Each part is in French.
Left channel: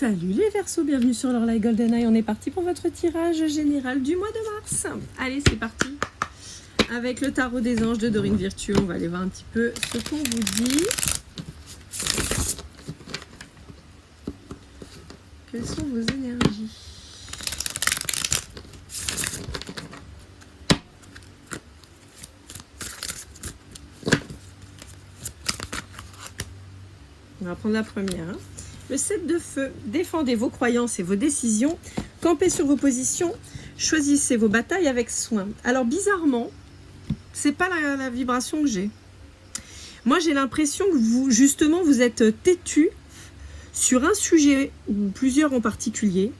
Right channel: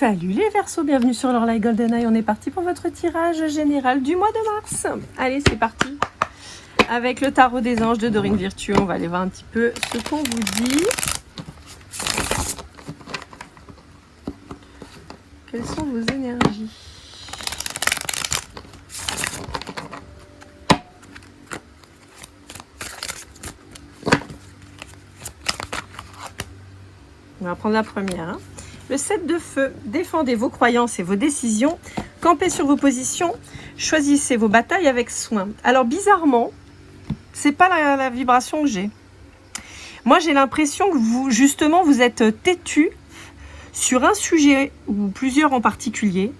Salut les Verseaux, bienvenue sur leur Live GoldenEye. On est parti pour votre tirage général du mois de mars. Allez, c'est parti. Avec le tarot des anges de Dorine Virtue, on va aller voir un petit peu ce qu'on vous dit. Quelles sont vos énergies? On va prendre la première. Le 7 de feu. Défendez vos croyances et vos décisions. Campez sur vos positions. Choisissez vos batailles avec soin. Alors bizarrement, c'est pas la vibration que j'ai. Moi, j'ai l'impression que vous, justement, vous êtes têtu sur un sujet ou plusieurs en particulier.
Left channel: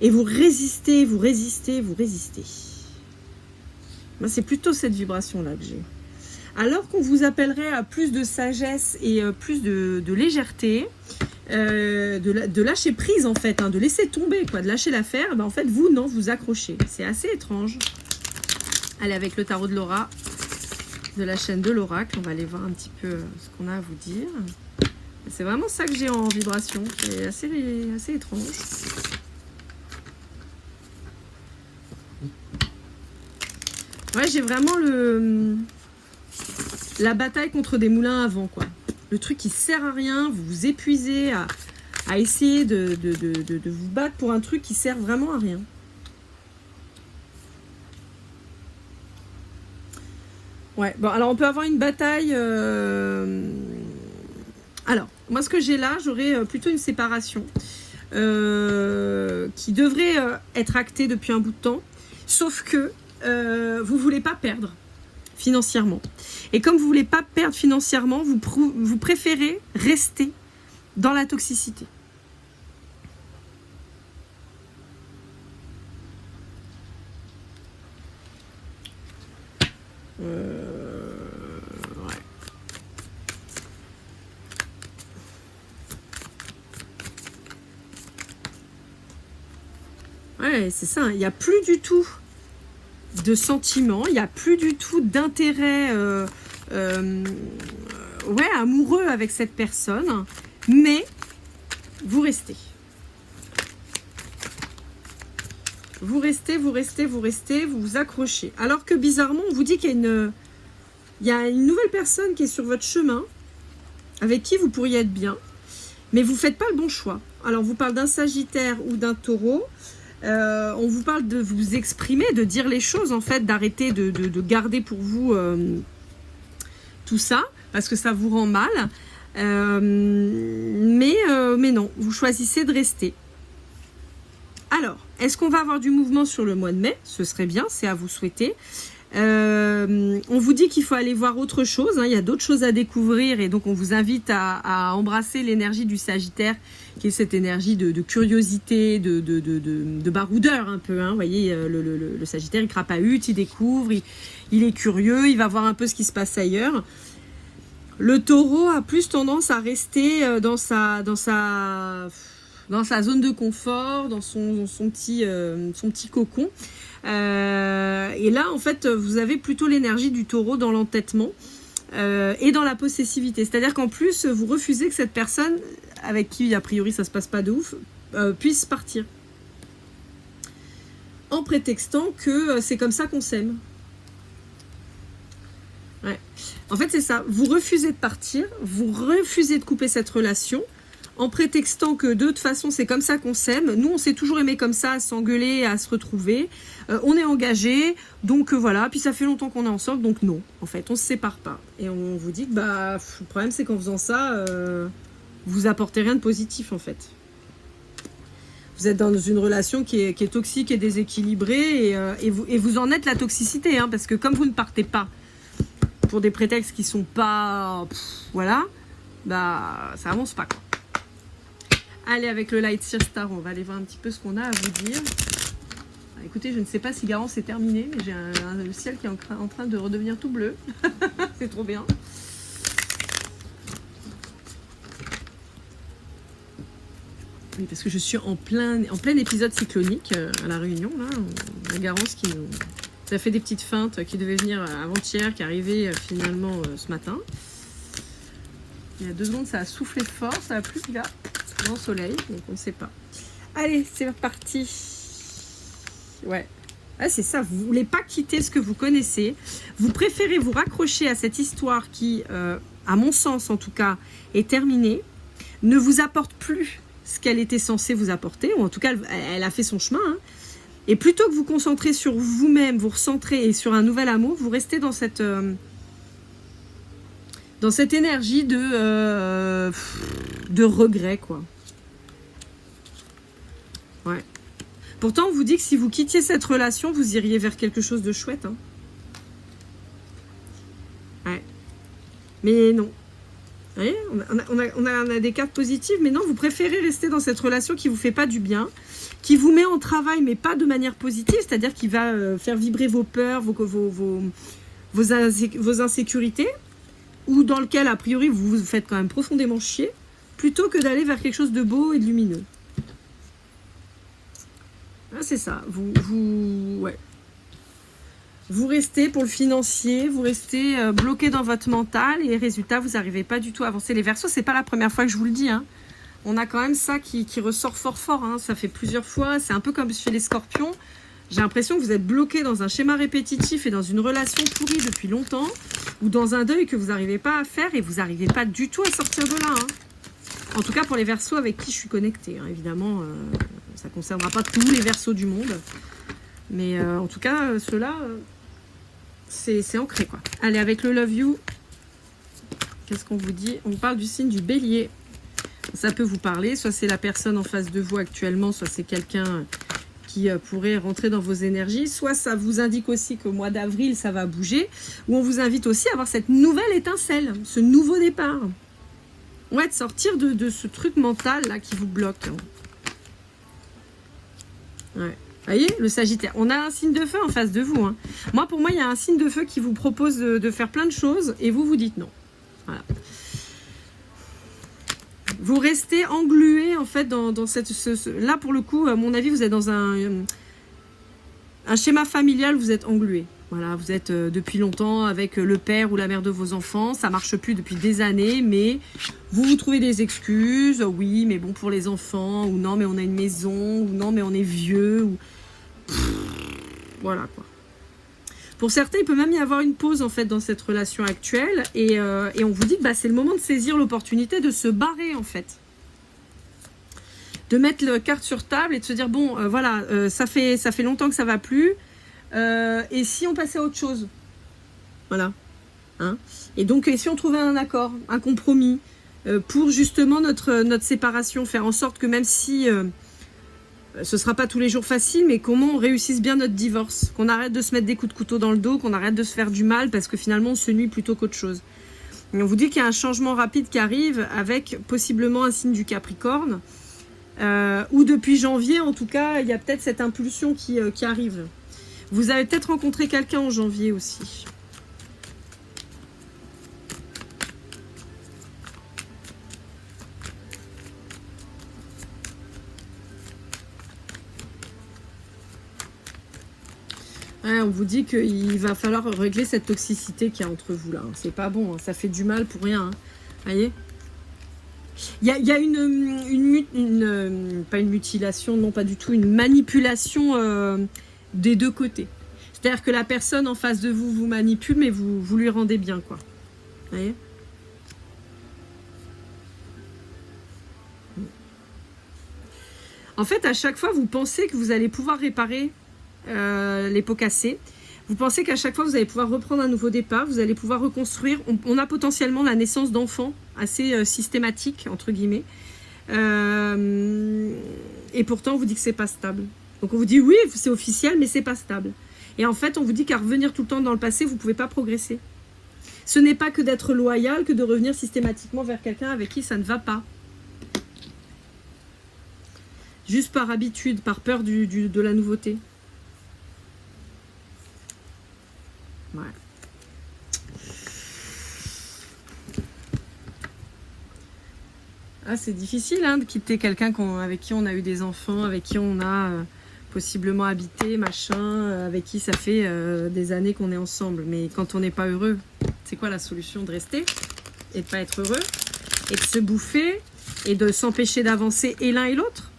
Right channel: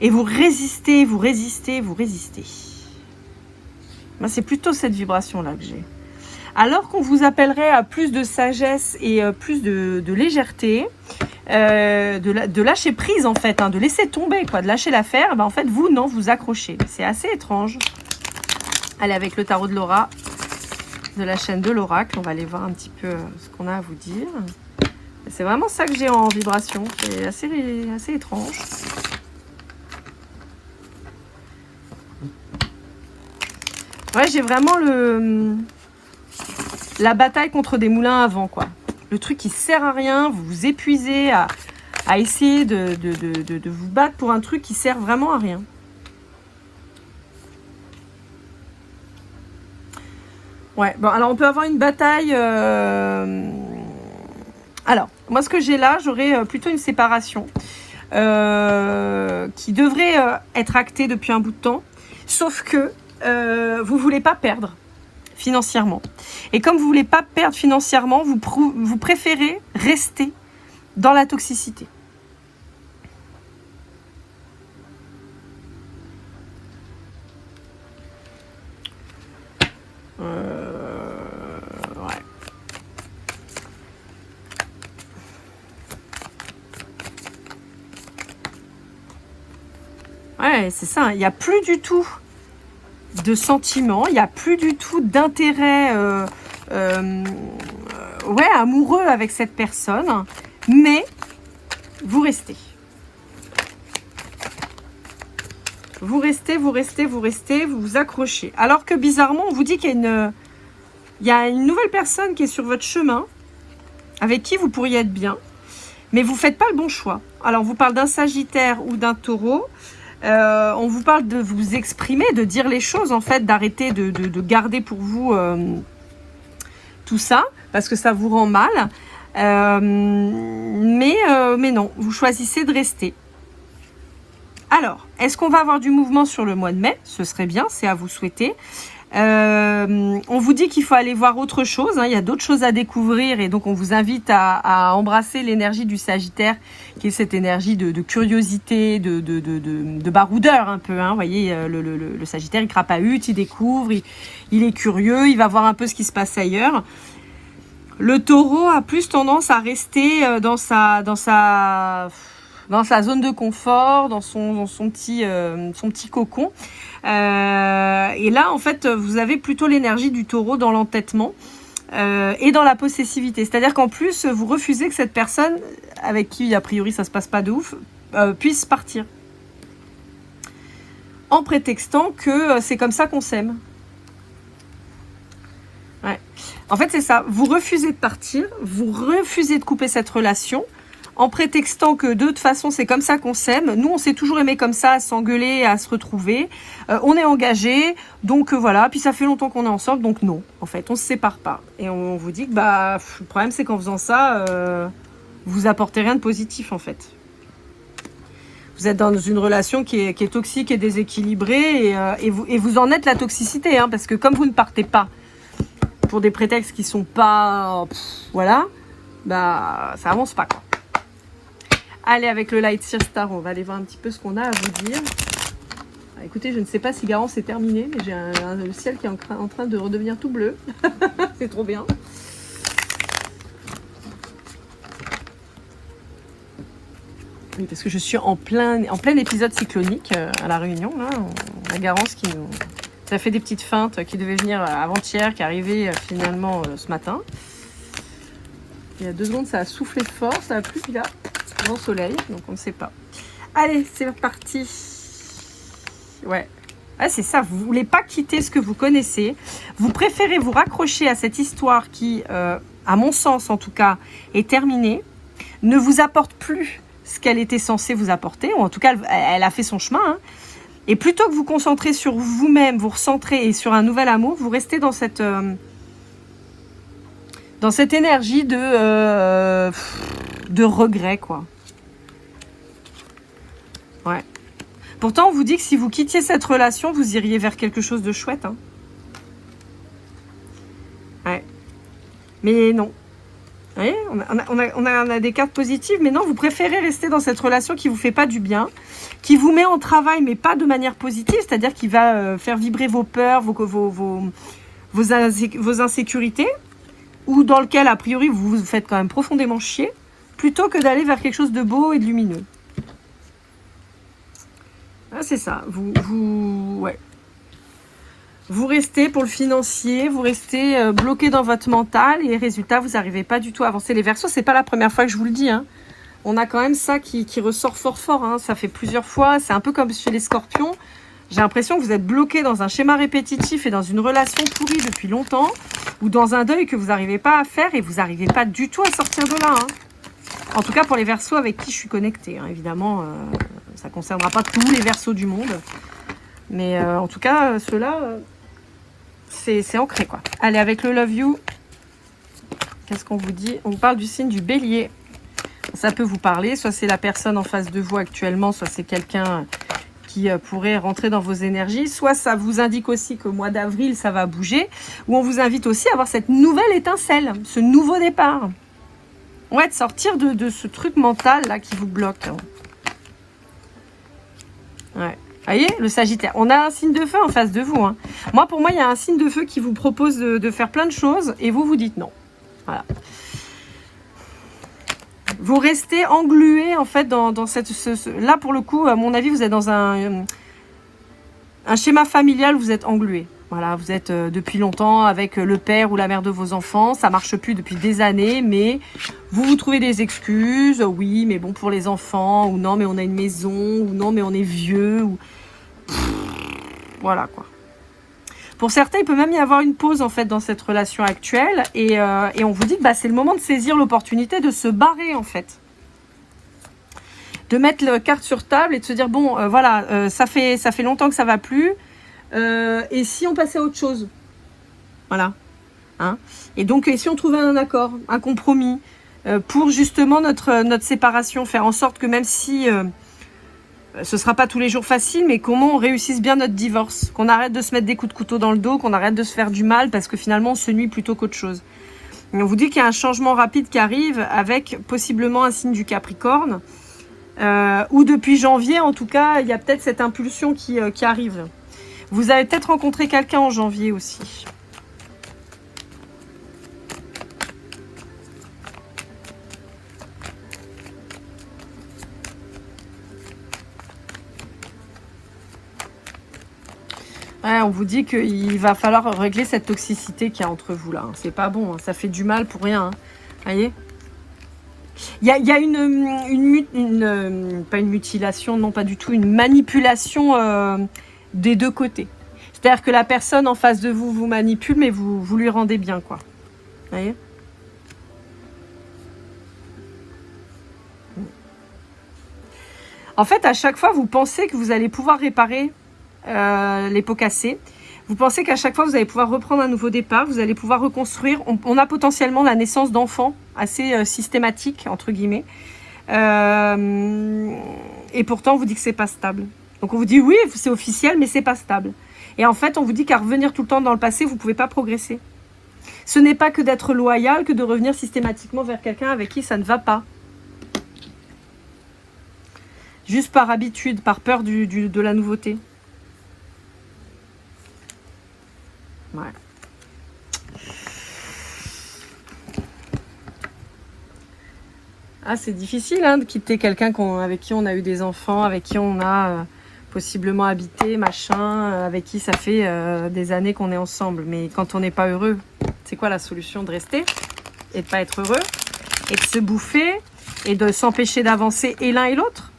Et vous résistez, vous résistez, vous résistez. Moi, c'est plutôt cette vibration-là que j'ai. Alors qu'on vous appellerait à plus de sagesse et plus de légèreté, de lâcher prise en fait, hein, de laisser tomber, quoi, de lâcher l'affaire, ben, en fait vous non, vous accrochez. C'est assez étrange. Allez, avec le tarot de Laura, de la chaîne de l'oracle, on va aller voir un petit peu ce qu'on a à vous dire. C'est vraiment ça que j'ai en vibration, c'est assez étrange. Ouais, j'ai vraiment la bataille contre des moulins à vent, quoi. Le truc qui sert à rien, vous vous épuisez à essayer de vous battre pour un truc qui sert vraiment à rien. Ouais, bon, alors on peut avoir une bataille... Alors, moi ce que j'ai là, j'aurais plutôt une séparation qui devrait être actée depuis un bout de temps, sauf que vous voulez pas perdre financièrement. Et comme vous voulez pas perdre financièrement, vous préférez rester dans la toxicité. Ouais. Ouais, c'est ça. Il n'y a plus du tout de sentiments, il n'y a plus du tout d'intérêt ouais, amoureux avec cette personne, mais vous restez. Vous restez, vous restez, vous restez, vous vous accrochez. Alors que bizarrement, on vous dit qu'il y a une nouvelle personne qui est sur votre chemin, avec qui vous pourriez être bien, mais vous ne faites pas le bon choix. Alors, on vous parle d'un Sagittaire ou d'un Taureau. On vous parle de vous exprimer, de dire les choses, en fait, d'arrêter de garder pour vous tout ça, parce que ça vous rend mal. Mais non, vous choisissez de rester. Alors, est-ce qu'on va avoir du mouvement sur le mois de mai? Ce serait bien, c'est à vous souhaiter. On vous dit qu'il faut aller voir autre chose, hein, il y a d'autres choses à découvrir et donc on vous invite à embrasser l'énergie du Sagittaire, qui est cette énergie de curiosité, de baroudeur un peu, hein, vous voyez, le Sagittaire il crapahute, il découvre, il est curieux, il va voir un peu ce qui se passe ailleurs. Le Taureau a plus tendance à rester dans sa zone de confort, dans son petit cocon. Et là, en fait, vous avez plutôt l'énergie du Taureau dans l'entêtement et dans la possessivité. C'est-à-dire qu'en plus, vous refusez que cette personne, avec qui, a priori, ça se passe pas de ouf, puisse partir. En prétextant que c'est comme ça qu'on s'aime. Ouais. En fait, c'est ça. Vous refusez de partir, vous refusez de couper cette relation, en prétextant que de toute façon c'est comme ça qu'on s'aime. Nous on s'est toujours aimé comme ça, à s'engueuler, à se retrouver. On est engagés, donc voilà. Puis ça fait longtemps qu'on est ensemble, donc non. En fait, on se sépare pas. Et on vous dit que bah le problème c'est qu'en faisant ça, vous apportez rien de positif en fait. Vous êtes dans une relation qui est toxique et déséquilibrée et vous en êtes la toxicité, hein, parce que comme vous ne partez pas pour des prétextes qui sont pas, voilà, bah ça avance pas quoi. Allez, avec le Light Seer Star, on va aller voir un petit peu ce qu'on a à vous dire. Ah, écoutez, je ne sais pas si Garance est terminé, mais j'ai le ciel qui est en train de redevenir tout bleu. C'est trop bien. Oui, parce que je suis en plein épisode cyclonique à La Réunion. Là, la Garance qui nous... Ça fait des petites feintes qui devaient venir avant-hier, qui arrivaient finalement ce matin. Il y a 2 secondes, ça a soufflé fort, ça a plu, puis là, grand soleil, donc on ne sait pas. Allez, c'est parti. Ouais. Ah, c'est ça, vous ne voulez pas quitter ce que vous connaissez. Vous préférez vous raccrocher à cette histoire qui, à mon sens en tout cas, est terminée, ne vous apporte plus ce qu'elle était censée vous apporter, ou en tout cas, elle a fait son chemin. Hein. Et plutôt que vous concentrer sur vous-même, vous recentrer et sur un nouvel amour, vous restez dans cette énergie de regret, quoi. Ouais. Pourtant, on vous dit que si vous quittiez cette relation, vous iriez vers quelque chose de chouette. Hein. Ouais. Mais non. Vous voyez, on a des cartes positives, mais non, vous préférez rester dans cette relation qui vous fait pas du bien, qui vous met en travail, mais pas de manière positive, c'est-à-dire qui va faire vibrer vos peurs, vos insécurités, ou dans lequel, a priori, vous vous faites quand même profondément chier, plutôt que d'aller vers quelque chose de beau et de lumineux. Ah, c'est ça, ouais. Vous restez pour le financier, vous restez bloqué dans votre mental et résultat, vous n'arrivez pas du tout à avancer. Les Verseaux, c'est pas la première fois que je vous le dis. Hein. On a quand même ça qui ressort fort. Hein. Ça fait plusieurs fois. C'est un peu comme chez les Scorpions. J'ai l'impression que vous êtes bloqué dans un schéma répétitif et dans une relation pourrie depuis longtemps ou dans un deuil que vous n'arrivez pas à faire et vous n'arrivez pas du tout à sortir de là. Hein. En tout cas, pour les Verseaux avec qui je suis connectée. Hein. Évidemment, ça ne concernera pas tous les Verseaux du monde. Mais en tout cas, ceux-là... c'est ancré, quoi. Allez, avec le Love You, qu'est-ce qu'on vous dit? On vous parle du signe du Bélier. Ça peut vous parler, soit c'est la personne en face de vous actuellement, soit c'est quelqu'un qui pourrait rentrer dans vos énergies, soit ça vous indique aussi qu'au mois d'avril, ça va bouger, ou on vous invite aussi à avoir cette nouvelle étincelle, ce nouveau départ. Ouais, de sortir de ce truc mental, là, qui vous bloque. Ouais. Vous voyez, le Sagittaire. On a un signe de feu en face de vous. Hein. Pour moi, il y a un signe de feu qui vous propose de faire plein de choses et vous dites non. Voilà. Vous restez englué en fait dans cette... Là, pour le coup, à mon avis, vous êtes dans un schéma familial, vous êtes englué. Voilà, vous êtes depuis longtemps avec le père ou la mère de vos enfants. Ça marche plus depuis des années, mais vous trouvez des excuses. Oui, mais bon, pour les enfants, ou non, mais on a une maison, ou non, mais on est vieux, ou... Voilà, quoi. Pour certains, il peut même y avoir une pause, en fait, dans cette relation actuelle. Et on vous dit que c'est le moment de saisir l'opportunité de se barrer, en fait. De mettre la carte sur table et de se dire, bon, voilà, ça fait longtemps que ça va plus. Et si on passait à autre chose? Voilà. Hein, et donc, et si on trouvait un accord, un compromis, pour justement notre séparation, faire en sorte que même si ce sera pas tous les jours facile, mais comment on réussisse bien notre divorce, qu'on arrête de se mettre des coups de couteau dans le dos, qu'on arrête de se faire du mal parce que finalement on se nuit plutôt qu'autre chose. Et on vous dit qu'il y a un changement rapide qui arrive avec possiblement un signe du Capricorne, ou depuis janvier en tout cas, il y a peut-être cette impulsion qui arrive. Vous avez peut-être rencontré quelqu'un en janvier aussi. Ouais, on vous dit qu'il va falloir régler cette toxicité qu'il y a entre vous là. C'est pas bon, hein. Ça fait du mal pour rien. Hein. Voyez, il y a pas une mutilation, non pas du tout, une manipulation des deux côtés. C'est-à-dire que la personne en face de vous vous manipule, mais vous lui rendez bien, quoi. Voyez. En fait, à chaque fois, vous pensez que vous allez pouvoir réparer les pots cassés. Vous pensez qu'à chaque fois, vous allez pouvoir reprendre un nouveau départ, vous allez pouvoir reconstruire. On a potentiellement la naissance d'enfants assez systématique, entre guillemets. Et pourtant, on vous dit que c'est pas stable. Donc, on vous dit, oui, c'est officiel, mais c'est pas stable. Et en fait, on vous dit qu'à revenir tout le temps dans le passé, vous pouvez pas progresser. Ce n'est pas que d'être loyal, que de revenir systématiquement vers quelqu'un avec qui ça ne va pas. Juste par habitude, par peur de la nouveauté. Ouais. Ah, c'est difficile hein, de quitter quelqu'un avec qui on a eu des enfants, avec qui on a possiblement habité, machin, avec qui ça fait des années qu'on est ensemble. Mais quand on n'est pas heureux, c'est quoi la solution? De rester et de pas être heureux? et de se bouffer et de s'empêcher d'avancer et l'un et l'autre.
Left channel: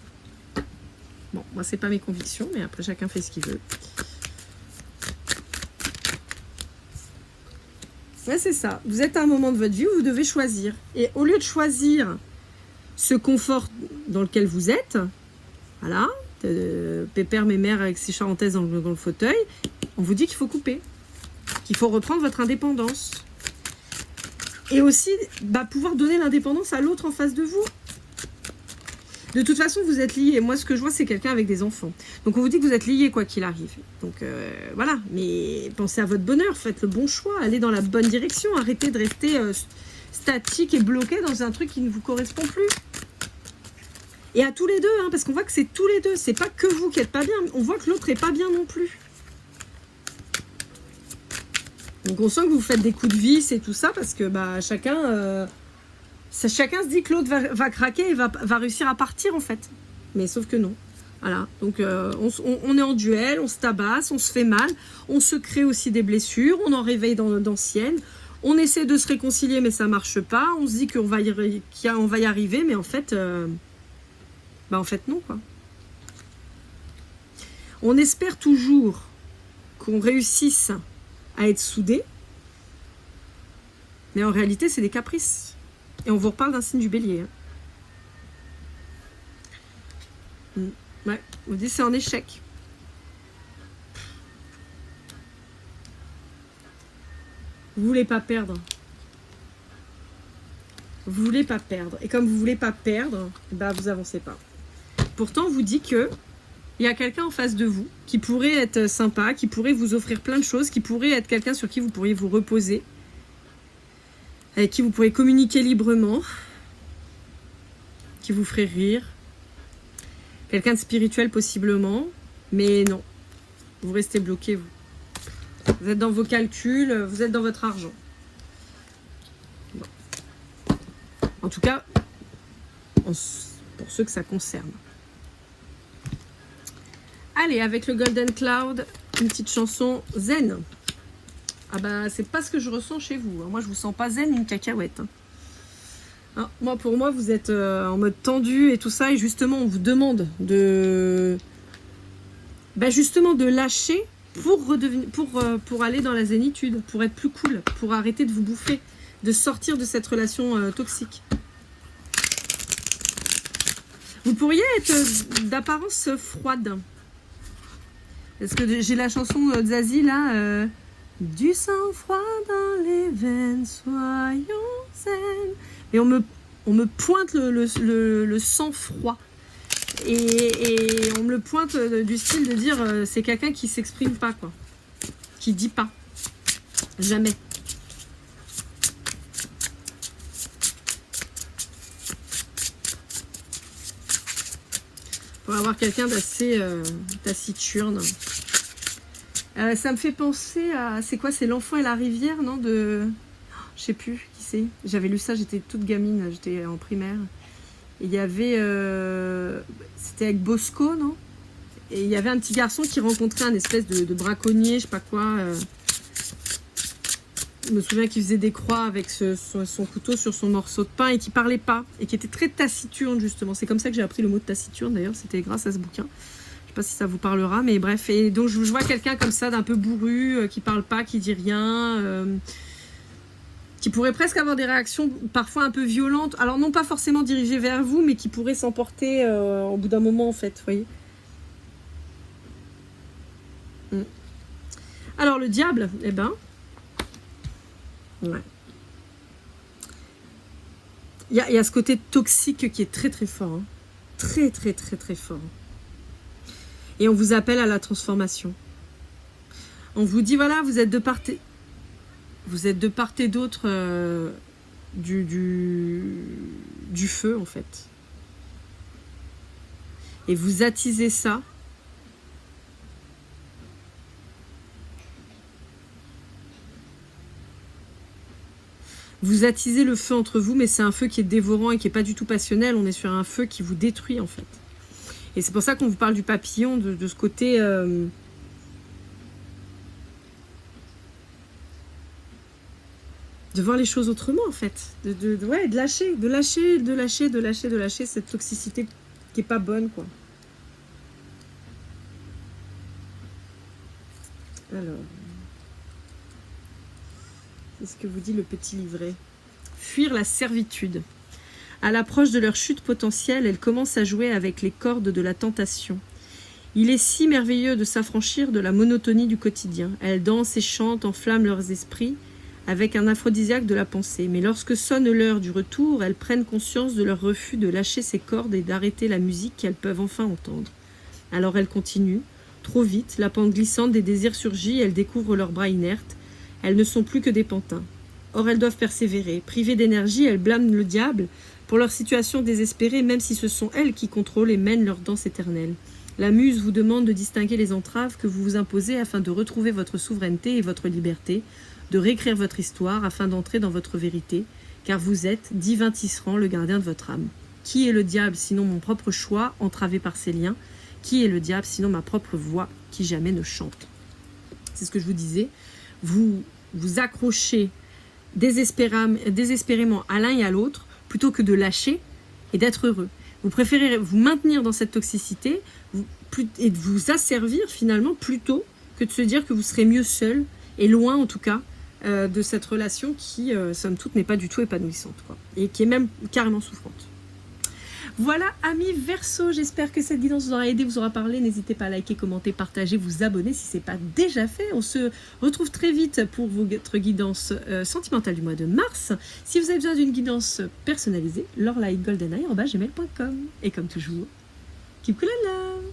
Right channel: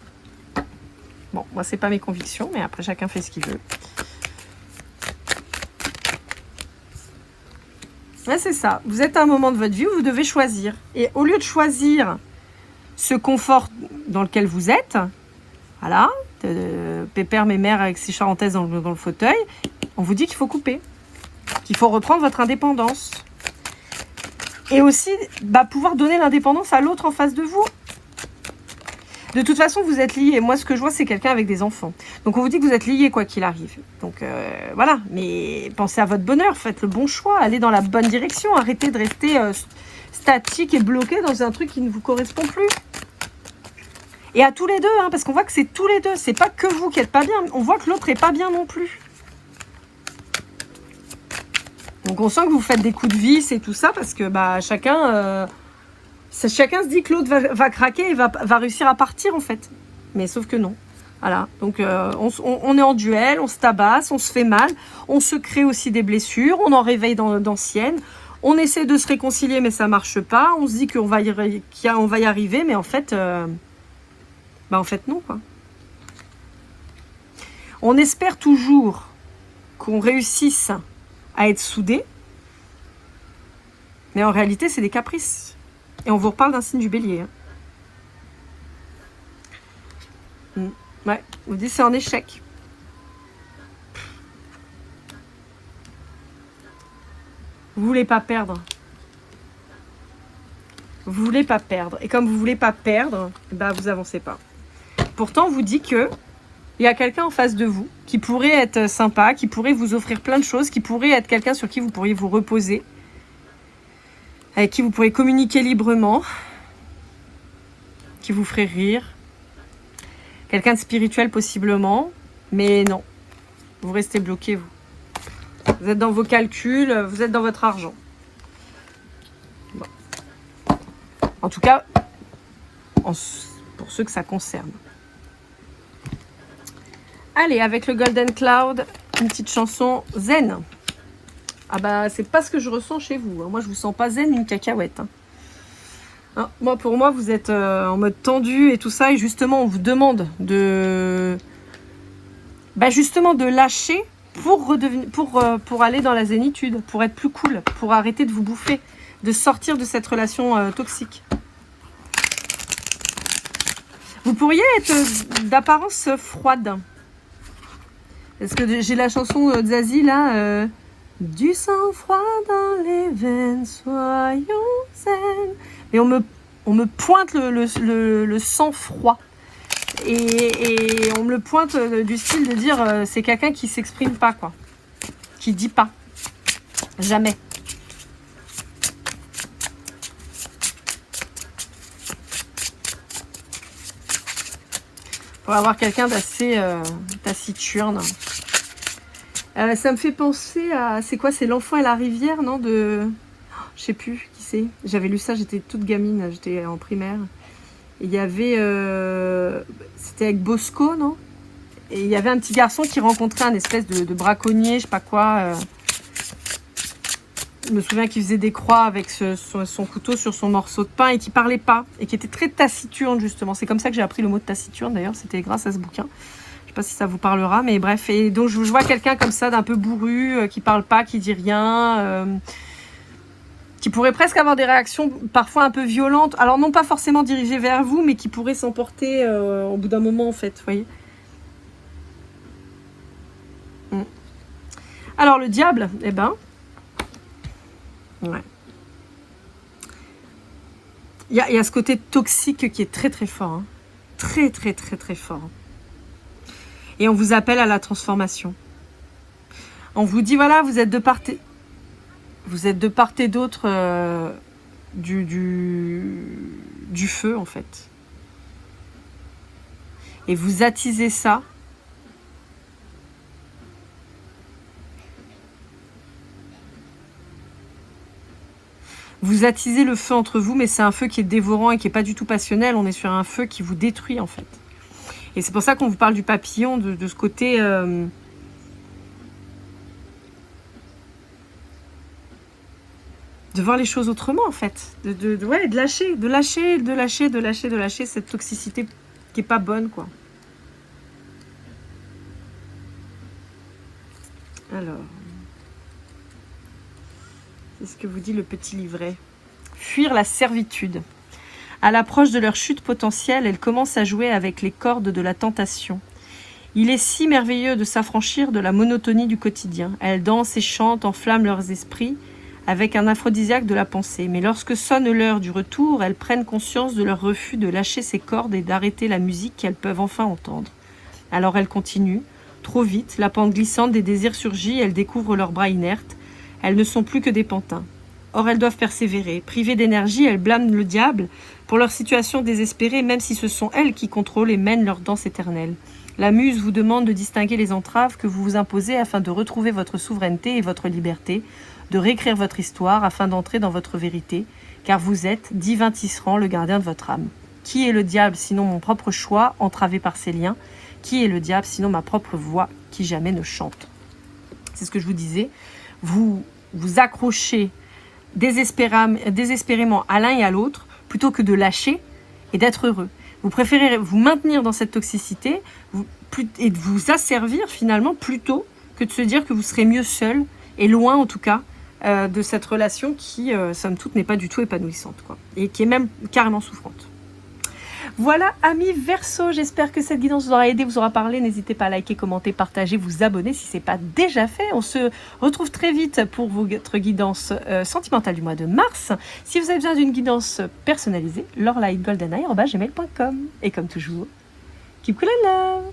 Bon, moi, c'est pas mes convictions, mais après, chacun fait ce qu'il veut. Ouais, c'est ça. Vous êtes à un moment de votre vie où vous devez choisir. Et au lieu de choisir ce confort dans lequel vous êtes, voilà, pépère, mémère avec ses charentaises dans le fauteuil, on vous dit qu'il faut couper, qu'il faut reprendre votre indépendance. Et aussi, pouvoir donner l'indépendance à l'autre en face de vous. De toute façon, vous êtes liés. Moi, ce que je vois, c'est quelqu'un avec des enfants. Donc, on vous dit que vous êtes liés quoi qu'il arrive. Donc, voilà. Mais pensez à votre bonheur. Faites le bon choix. Allez dans la bonne direction. Arrêtez de rester statique et bloqué dans un truc qui ne vous correspond plus. Et à tous les deux, hein, parce qu'on voit que c'est tous les deux. C'est pas que vous qui êtes pas bien. On voit que l'autre est pas bien non plus. Donc, on sent que vous faites des coups de vis et tout ça parce que chacun se dit que l'autre va craquer et va réussir à partir en fait. Mais sauf que non. Voilà. Donc on est en duel, on se tabasse, on se fait mal, on se crée aussi des blessures, on en réveille d'anciennes. On essaie de se réconcilier mais ça marche pas. On se dit qu'on va y arriver mais en fait non quoi. On espère toujours qu'on réussisse à être soudés. Mais en réalité c'est des caprices. Et on vous reparle d'un signe du bélier. Hein. Ouais, on vous dit c'est en échec. Vous voulez pas perdre. Vous voulez pas perdre. Et comme vous voulez pas perdre, vous avancez pas. Pourtant, on vous dit que il y a quelqu'un en face de vous qui pourrait être sympa, qui pourrait vous offrir plein de choses, qui pourrait être quelqu'un sur qui vous pourriez vous reposer, avec qui vous pourrez communiquer librement, qui vous ferait rire. Quelqu'un de spirituel possiblement, mais non. Vous restez bloqué, vous. Vous êtes dans vos calculs, vous êtes dans votre argent. Bon. En tout cas, pour ceux que ça concerne. Allez, avec le Golden Cloud, une petite chanson zen. Ah c'est pas ce que je ressens chez vous. Moi, je vous sens pas zen une cacahuète. Hein, pour moi, vous êtes en mode tendu et tout ça. Et justement, on vous demande de... justement, de lâcher pour aller dans la zénitude, pour être plus cool, pour arrêter de vous bouffer, de sortir de cette relation toxique. Vous pourriez être d'apparence froide. Parce que j'ai la chanson de Zazie, là... Du sang-froid dans les veines, soyons zen. Et on me pointe le sang-froid. Et on me le pointe du style de dire c'est quelqu'un qui s'exprime pas, quoi. Qui dit pas. Jamais. Pour avoir quelqu'un d'assez taciturne. Ça me fait penser à... C'est quoi? C'est L'Enfant et la rivière, non? Je sais plus qui c'est. J'avais lu ça, j'étais toute gamine, j'étais en primaire. Et il y avait... C'était avec Bosco, non? Et il y avait un petit garçon qui rencontrait un espèce de braconnier, je sais pas quoi. Je me souviens qu'il faisait des croix avec son couteau sur son morceau de pain et qui parlait pas. Et qui était très taciturne, justement. C'est comme ça que j'ai appris le mot de taciturne, d'ailleurs. C'était grâce à ce bouquin. Je sais pas si ça vous parlera, mais bref. Et donc, je vois quelqu'un comme ça, d'un peu bourru, qui parle pas, qui dit rien, qui pourrait presque avoir des réactions parfois un peu violentes. Alors, non pas forcément dirigées vers vous, mais qui pourrait s'emporter au bout d'un moment, en fait, vous voyez. Alors, le diable, eh ben... Ouais. Il y a ce côté toxique qui est très, très fort. Hein. Très, très, très, très fort. Et on vous appelle à la transformation. On vous dit, voilà, vous êtes de part et d'autre du feu, en fait. Et vous attisez ça. Vous attisez le feu entre vous, mais c'est un feu qui est dévorant et qui n'est pas du tout passionnel. On est sur un feu qui vous détruit, en fait. Et c'est pour ça qu'on vous parle du papillon, de ce côté... de voir les choses autrement en fait, de lâcher cette toxicité qui est pas bonne quoi. Alors, c'est ce que vous dit le petit livret. Fuir la servitude. À l'approche de leur chute potentielle, elles commencent à jouer avec les cordes de la tentation. Il est si merveilleux de s'affranchir de la monotonie du quotidien. Elles dansent et chantent, enflamment leurs esprits avec un aphrodisiaque de la pensée. Mais lorsque sonne l'heure du retour, elles prennent conscience de leur refus de lâcher ces cordes et d'arrêter la musique qu'elles peuvent enfin entendre. Alors elles continuent. Trop vite, la pente glissante des désirs surgit, elles découvrent leurs bras inertes. Elles ne sont plus que des pantins. Or, elles doivent persévérer. Privées d'énergie, elles blâment le diable pour leur situation désespérée, même si ce sont elles qui contrôlent et mènent leur danse éternelle. La muse vous demande de distinguer les entraves que vous vous imposez afin de retrouver votre souveraineté et votre liberté, de réécrire votre histoire afin d'entrer dans votre vérité, car vous êtes, divin tisserand, le gardien de votre âme. Qui est le diable sinon mon propre choix, entravé par ses liens? Qui est le diable sinon ma propre voix, qui jamais ne chante? C'est ce que je vous disais. Vous vous accrochez désespérément à l'un et à l'autre, plutôt que de lâcher et d'être heureux. Vous préférez vous maintenir dans cette toxicité et de vous asservir finalement plutôt que de se dire que vous serez mieux seul et loin en tout cas de cette relation qui, somme toute, n'est pas du tout épanouissante quoi, et qui est même carrément souffrante. Voilà, amis Verseau, j'espère que cette guidance vous aura aidé, vous aura parlé. N'hésitez pas à liker, commenter, partager, vous abonner si ce n'est pas déjà fait. On se retrouve très vite pour votre guidance sentimentale du mois de mars. Si vous avez besoin d'une guidance personnalisée, laurelight.goldeneye@gmail.com. Et comme toujours, keep cool and love.